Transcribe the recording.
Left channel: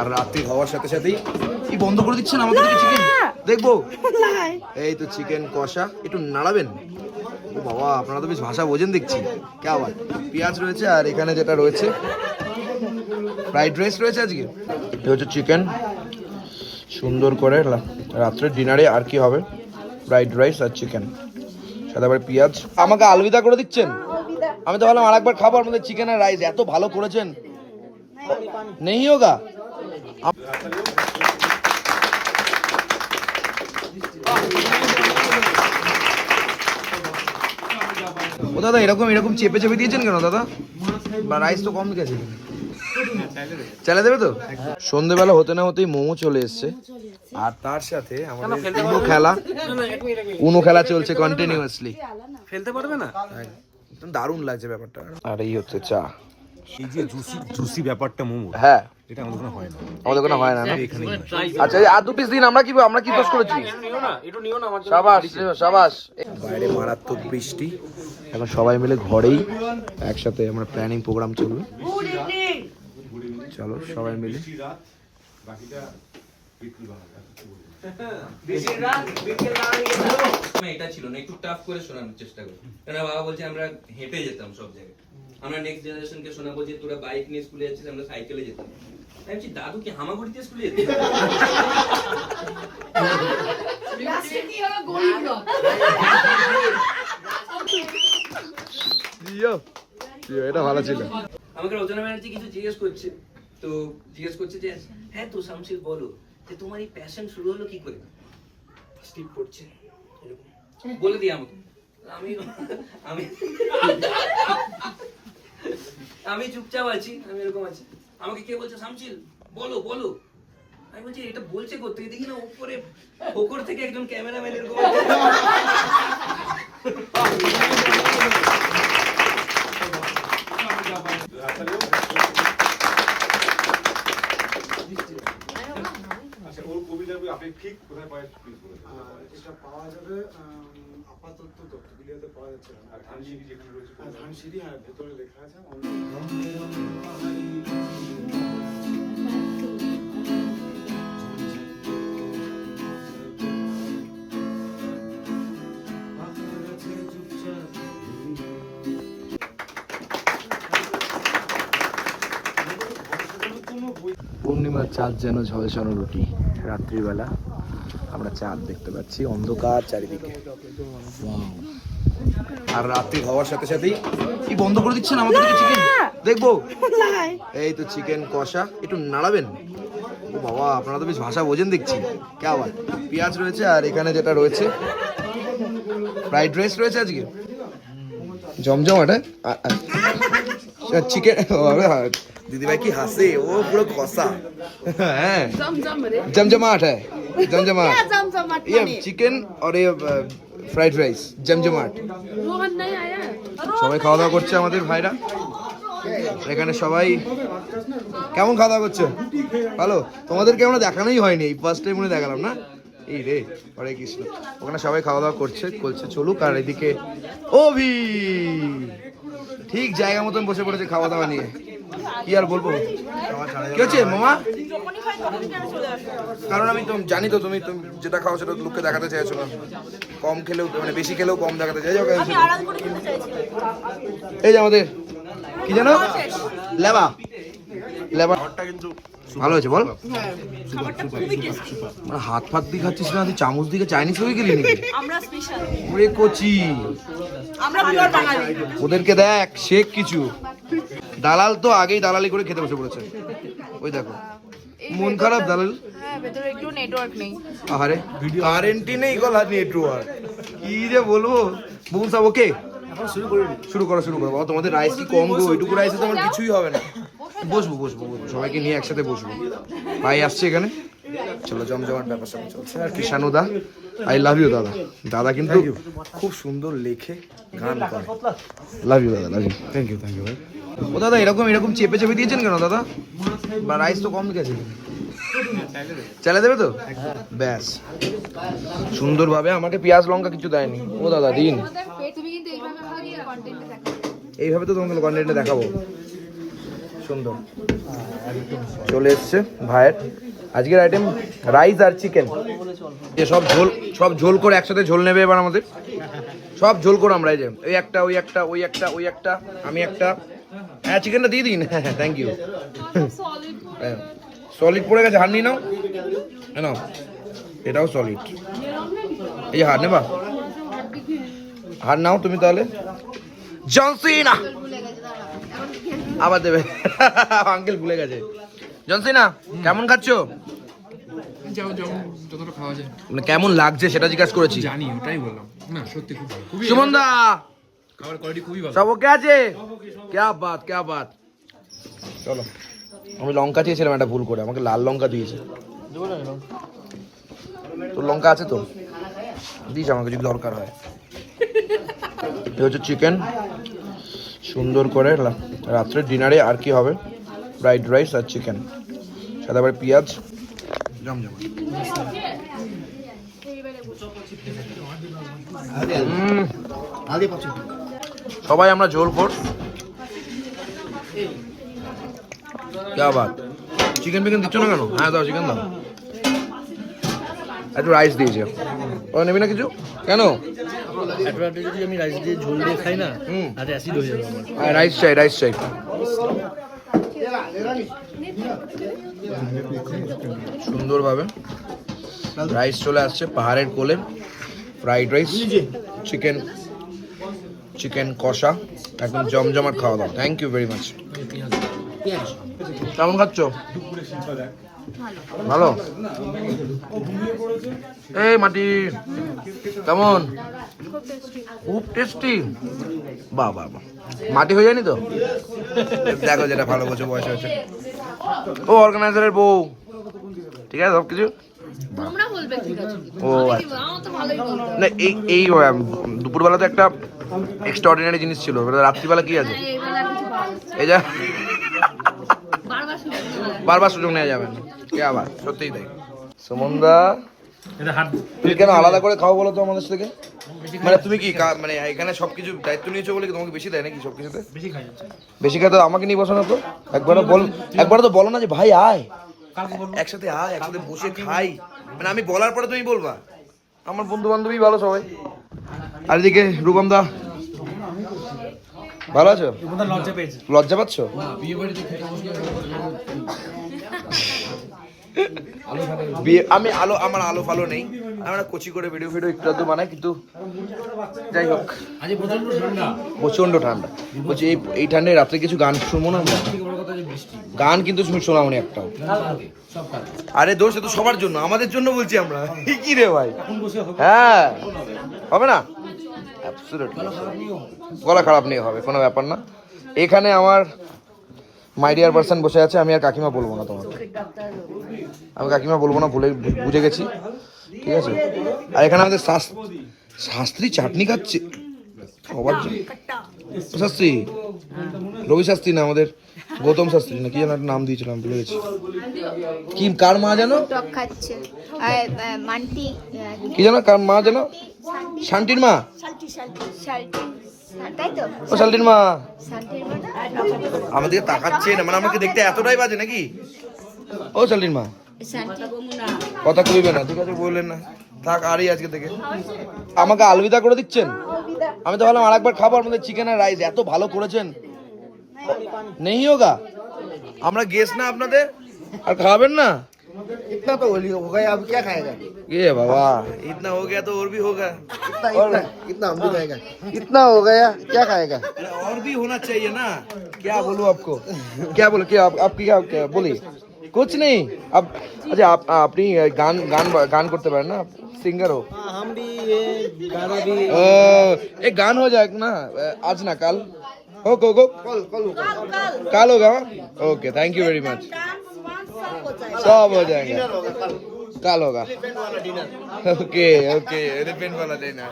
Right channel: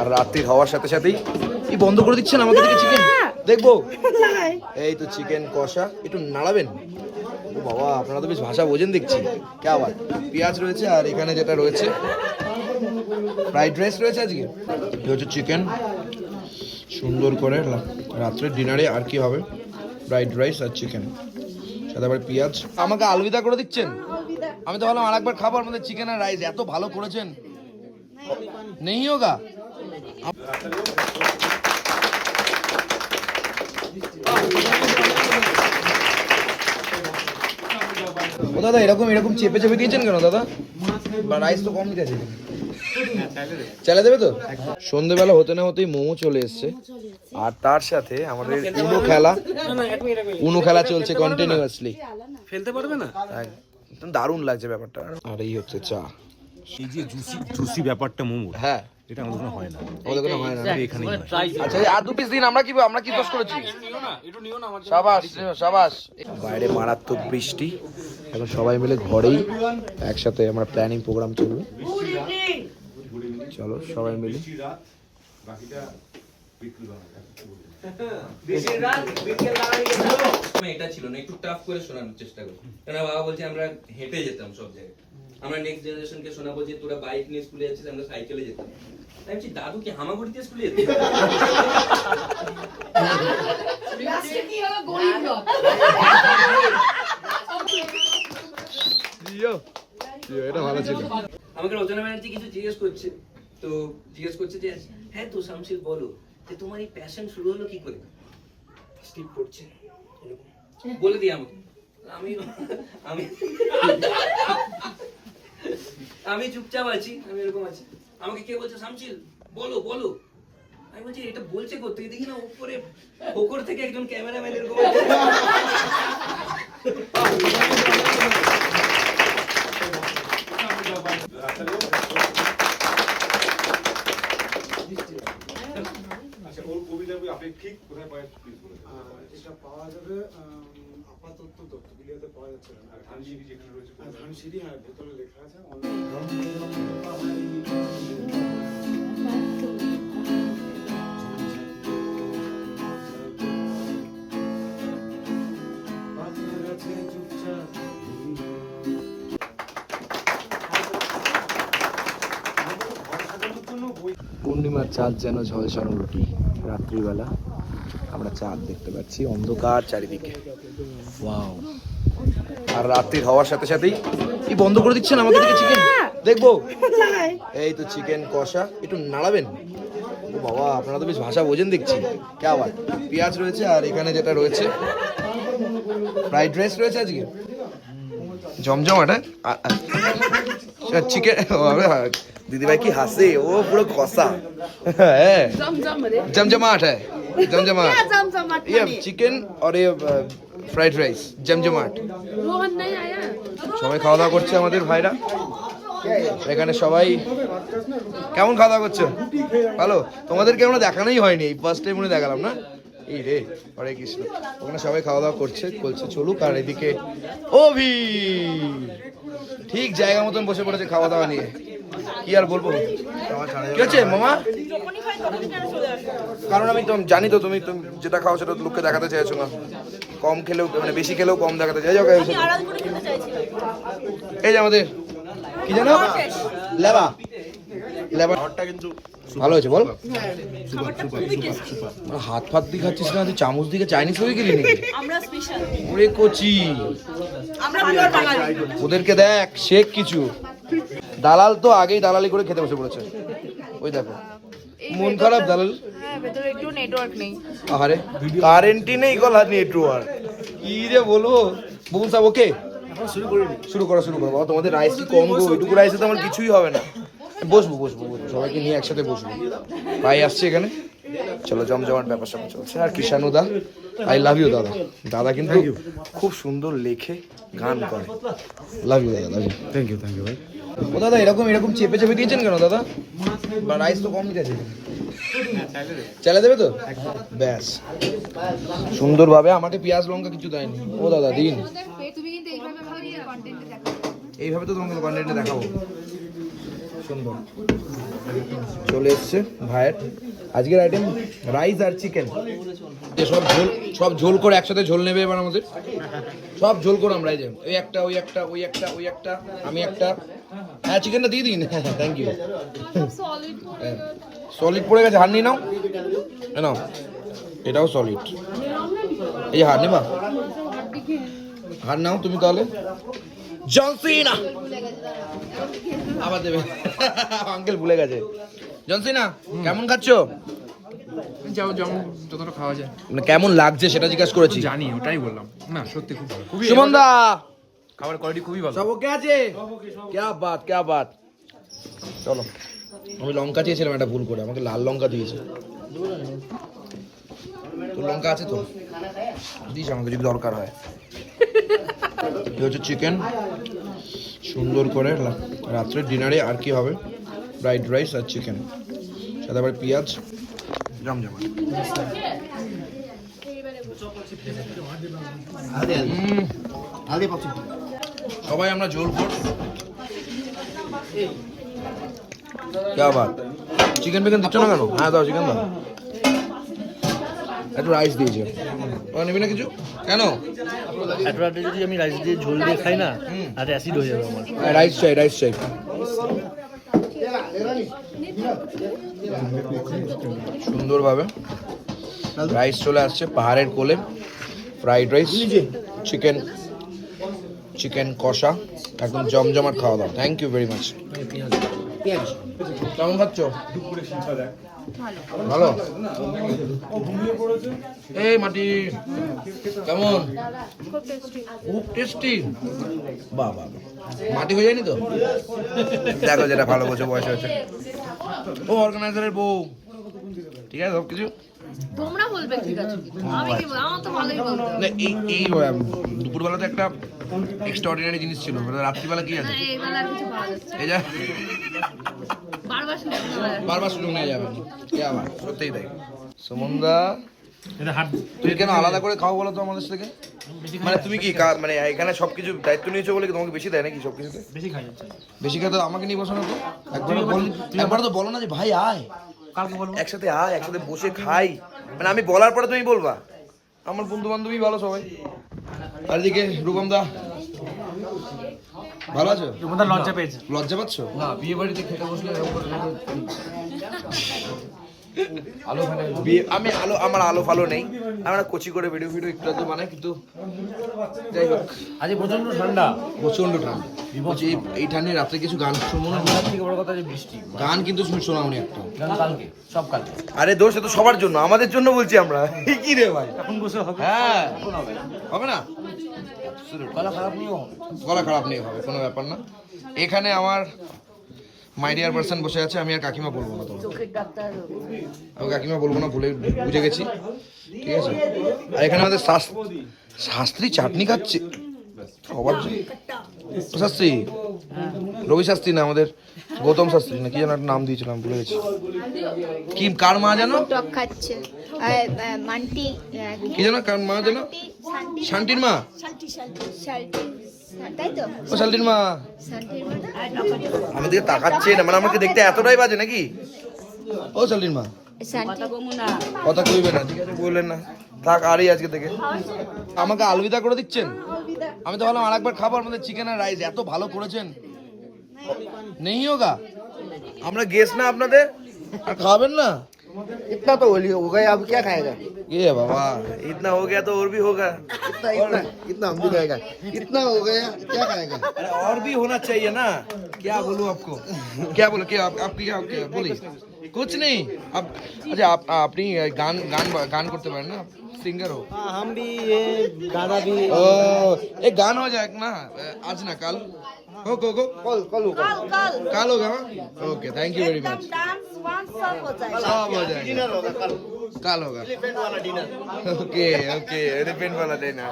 আর রাত্রি হওয়ার সাথে সাথেই কি বন্ধ করে দিচ্ছেন আমাদের চিকেন দেখব। এই তো চিকেন কষা। একটু নাড়াবেন? ও বাবা আপনারা তো বেশ ভাষা বোঝেন দেখছি। কে আবার? পেঁয়াজ রয়েছে আর এখানে যেটা রয়েছে ফ্রাইড রাইস রয়েছে আজকে। এটা হচ্ছে চিকেন সুন্দর করে রাত্রের ডিনারে আর কি হবে? ফ্রাইড রাইস আর চিকেন সাথে আবার পেঁয়াজ। আমাকে আলবিদা করে দিচ্ছেন? আমি তো ভাবলাম আরেকবার খাব। আপনাদের চিকেন আর রাইস এত ভালো করেছেন। নেই। হোগা ও দাদা এরকম এরকম চেপে চেপে দিয়েছেন কেন দাদা? বা রাইস তো কম গেছে চালা দেবে তো? সন্ধেবেলা হতে না হতেই মোমো চলে এসছে। আর তার সাথে আমাদের উনো খেলা। উনো খেলা চলছে কন্টিনিউয়াসলি ফেলতে পারবে না? দারুণ লাগছে ব্যাপারটা। আর এই হচ্ছে চা। এই যে জুসি জুসি ব্যাপারটা মোমো হ্যাঁ। এটা আমাদের কোনো হয় না। আমাদের কোনো হয় না না? এখানেই আচ্ছা আর দু পিস দিন আমরা কি আমরা কি দোষ করেছি? সাবাস সাবাস। বাইরে মারাত্মক বৃষ্টি। এখন সবাই মিলে ঘরেই একসাথে আমরা প্ল্যানিং প্রোগ্রাম চলবে। চলো সবাই মিলে। এটা ছিল না একটু টাফ করে শোনানোর চেষ্টা করি। কারণ বাবা বলছে আমরা হেঁটে যেতাম সব জায়গায়। আমরা নেক্সট জেনারেশনকে শোনাবো যে তোরা বাইক নিয়ে স্কুলে যাচ্ছিস আমরা সাইকেলে যেতাম। আমি দাদু কি হামাগুড়িতে স্কুলে এটা ভালো ছিল। আমাকে রচনা ব্যানার্জি কিছু জিজ্ঞেস করছে তো জিজ্ঞেস করছে যে হ্যাঁ তো শামশির বলো যে তোমার এই প্যাশন শুরু হলো কি করে? স্টিপ পড়ছে এরকম। বলে দিই আমাকে। আমি আমি আমি চুপচাপ আছি আমি এরকম আছি। আমাকে কে বলছে শামশিল বলো বলো। আমি বলছি, এটা বলছে করতে দেখি না, উপরে, ওপর থেকে একজন ক্যামেরাম্যান এরকম আচ্ছা ওর কবিতাগুলো আপনি ঠিক কোথায় পায় প্লিজ বলে দিন। আহ, এটা পাওয়া যাবে আম, আপাতত পাওয়া যাচ্ছে না। আর ধানসিঁড়ি যেখানে রয়েছে আর ধানসিঁড়ি হ্যাঁ ভেতরে লেখা আছে। পূর্ণিমার চাঁদ যেন ঝলসানো রুটি রাত্রিবেলা। আমরা চাঁদ দেখতে পাচ্ছি অন্ধকার চারিদিকে। আর রাত্রির হওয়ার সাথে সাথেই কি বন্ধ করে দিচ্ছেন আমাদের দিকে চিকেন দেখব। এই তো চিকেন কষা একটু নাড়াবেন। ও বাবা আপনারা তো বেশ ভাষা ওজন দেখছি। কেমন পেঁয়াজ রয়েছে আর এখানে যেটা রয়েছে ফ্রাইড রাইস রয়েছে আজকে। জমজম এটা? চিকেন আচ্ছা, দিদিভাই কি হাসে? ও পুরো কষা। হ্যাঁ। জমজমাট হ্যাঁ। जमजमाट है जमजमाट क्या जमजमाट ये माने चिकन और ये ফ্রাইড রাইস জমজমাট रोहन नहीं आया সবাই খাওয়া দাওয়া করছে আমাদের ভাইরা এখানে সবাই কেমন খাওয়া দাওয়া করছো ভালো তোমাদেরকে আমরা দেখানোই হয়নি এই ফার্স্ট টাইম মনে দেখালাম না এই রে হরে কৃষ্ণ ওখানে সবাই খাওয়া দাওয়া করছে বলছে চলুক আর এদিকে অভি ঠিক জায়গা মতন বসে পড়েছে খাওয়া দাওয়া নিয়ে কি আর বলব? কি আছে মামা? কারণ আমি তো জানি তো তুমি তুমি যেটা খাও সেটা তো লোককে দেখাতে চাইছো না। কম খেলেও মানে বেশি খেলেও কম দেখাতে চাই এই যে আমাদের কি জানো লেবা। লেবা। কিন্তু ভালো হয়েছে বল। মানে হাত ফাত দিয়ে খাচ্ছিস না তুই চামচ দিকে চাইনিজ হয়ে গেলি নাকি ওরে কচি। আমরা পিওর বাঙালি। ওদেরকে দেখ শেখ কিছু। দালাল তো আগেই দালালি করে খেতে বসে পড়েছে। ওই দেখো। মন খারাপ দালাল? হ্যাঁ ভেতরে একটু নেটওয়ার্ক নেই। আরে কারেন্টই নেই গলা নেটওয়ার্ক কি রে বলব? বকুল সাহেব ওকে শুরু করে শুরু করো শুরু করো। তোমাদের রাইস কি কম গো? ওইটুকু রাইসে তো আমার কিছুই হবে না। বসবো বসবো সবাইকে নিয়ে একসাথে বসবো। ভাই আসছে এখানে। চলো জমজমাট ব্যাপার সব চলছে। আর কিষানু দা আই লাভ ইউ দাদা। দাদা কিন্তু খুব সুন্দর লেখে গান করে। লাভ ইউ দাদা love you thank you thank you ভাই। ও দাদা এরকম এরকম চেপে চেপে দিয়েছেন কেন দাদা? বা রাইস তো কম গেছে চালা দেবে তো? ব্যাস। সুন্দরভাবে আমাকে পেঁয়াজ লঙ্কা কিছু দেয়নি। ও দাদা দিন। এইভাবে তো তোমাকে কন্টেন্টে দেখাবো। চলে এসছে ভাইয়ের। আজকের আইটেম রাইস আর চিকেন সব ঝোল সব ঝোল করে একসাথে ঝোল নেবে এবার আমাদের? সব ঝোল করে আমরা এই ওই একটা ওই একটা ওই একটা ওই একটা, আমি একটা। হ্যাঁ চিকেনটা দিয়ে দিন। হ্যাঁ হ্যাঁ থ্যাংক ইউ সলিড পড়ে গেছে হার নিয়ে নাও। হ্যাঁ নাও। এটাও সলিড এই হার নেবা? হার নাও তুমি তাহলে। জনসিনা আবার দেবে। আঙ্কেল ভুলে গেছে। জনসিনা কেমন খাচ্ছো? মানে কেমন লাগছে সেটা জিজ্ঞাসা করেছি। জানি ওটাই বললাম। না সত্যি খুব ভালো। সুমন দা খাবার কোয়ালিটি খুবই ভালো। সব ওকে আছে? ক্যা বাত ক্যা বাত। চলো। আমি লঙ্কা চেয়েছিলাম একটা ভুল করে আমাকে লাল লঙ্কা দিয়েছে। তোর লঙ্কা আছে তো? দিস আমাকে যদি দরকার হয়। হচ্ছে চিকেন সুন্দর করে রাত্রে ডিনারে আর কি হবে? ফ্রাইড রাইস আর চিকেন। সাথে আবার পেঁয়াজ। সবাই আমরা ঝোল কর। কে আবার? চিকেন ফিকেন দিচ্ছ না কেন? হ্যাঁ দাও, চিকেন দাও। একটু রাইস দিয়েছে ও নেবি না কিছু? কেন? একটা রাতে যদি আমি রাইস দিয়ে ঝোল দিয়ে খাই না হুম। আর অ্যাসিড হয়ে যাবে আমার। হ্যাঁ রাইস চাই রাইস চাই। সুন্দরভাবে রাইস চলে আসছে পাহাড়ের কোলে। ফ্রাইড রাইস চিকেন চিকেন কষা একদম জমজমাট খাওয়া দাওয়া। থ্যাংক ইউ ভেরি মাচ কেমন খাচ্ছ? ভালো? এই মাটি কেমন? খুব টেস্টি বাহ বাহ বাহ মাটি হয়ে যায়নি তো? দেখো যেটা ভালো বলছে বয়স হয়েছে। ও অর্গানাইজারের বউ। ঠিক আছে সব কিছু আচ্ছা। না এই এই দুপুরবেলা তো একটা এক্সট্রাঅর্ডিনারি জিনিস ছিল। রাত্রিবেলা কি আছে? না। এই যা। বারবার সুযোগ নেওয়া যাবে না। কে আবার? সত্যিই তাই। সুমনদা তুমি কেন আলাদা করে খাও বলো তো আমাদের থেকে মানে তুমি কি মানে এখানে সবকিছু দায়িত্ব নিয়েছো বলে তোমাকে বেশি দেয় নাকি সবকিছুতে? বেশি খাই বেশি আমাকে নিয়ে বসো না তো একবারও বল একবারও তো বলো না যে ভাই আয়। একসাথে আয় একসাথে বসে খাই। মানে আমি বলার পরে তুমি বলবা। আমার বন্ধু বান্ধবী ভালো সবাই। আর এদিকে রূপম দা ভালো আছো? লজ্জা পেয়েছে। লজ্জা পাচ্ছ? বিয়ে আমি আলো আমার আলো ফালো নেই। আমরা কচি করে ভিডিও ভিডিও একটু বানাই কিন্তু যাই হোক। আজ প্রচণ্ড ঠান্ডা। প্রচণ্ড ঠান্ডা। বলছি এই ঠান্ডায় রাত্রে কিছু গান শুনব না? বড় কথা যে বৃষ্টি। গান কিন্তু শুন শোনাবো না একটা কালকে। সব কালকে। আরে দোষ তো সবার জন্য। আমাদের জন্য বলছি আমরা। কি রে ভাই? হ্যাঁ। হবে না. গলা খারাপ নিয়ে হবে। কোনো ব্যাপার না। এখানে আমার মাইডিয়ার পার্সন বসে আছে আমি আর কাকিমা বলব না তোমাকে। আমি কাকিমা বলব না ভুলে বুঝে গেছি। ঠিক আছে? আর এখানে আমাদের শাস- শাস্ত্রী চাটনি খাচ্ছে। জন্য শাস্ত্রী? রবি শাস্ত্রী না আমাদের গৌতম শাস্ত্রী না কি যেন একটা নাম দিয়েছিলাম ভুলে গেছি। কি কার মা জানো টক খাচ্ছে। মান্টি কি জানো কার মা জানো শান্তির মা? ও শান্তির মা। তাকাচ্ছে না মানে আমাকে দেখতে এতটাই বাজে নাকি? ও শান্তির মা। শান্তি। কথা কইবে না ঠিক আছে বললেন না। থাক আরই আজকে থেকে। আমাকে আলবিদা করে দিচ্ছেন? আমি তো ভাবলাম আরেকবার খাব আমাদের চিকেন আর রাইস এত ভালো করেছেন। নেই হোগা আমরা গেস না আপনাদের আর খাওয়াবেন না इतना तो होली हो गया अब क्या खाएगा ये बाबा इतना हो गया तो और भी होगा इतना इतना हम भी खाएगा इतना हो गया क्या खाएगा और भी होना चाहिए ना क्या बोलूं आपको क्या बोलो क्या आप, आप क्या, क्या बोलिए कुछ नहीं आप अच्छा आप अपनी गान गान गान करते पारें ना सिंगर हो हम भी ये गाना भी ओ एक गान हो जाए ना आज ना कल हो गो गो कल कल कल होगा okay thank you very much सब हो जाएगा कल होगा ओके ओके एलिफेंट वाला डिनर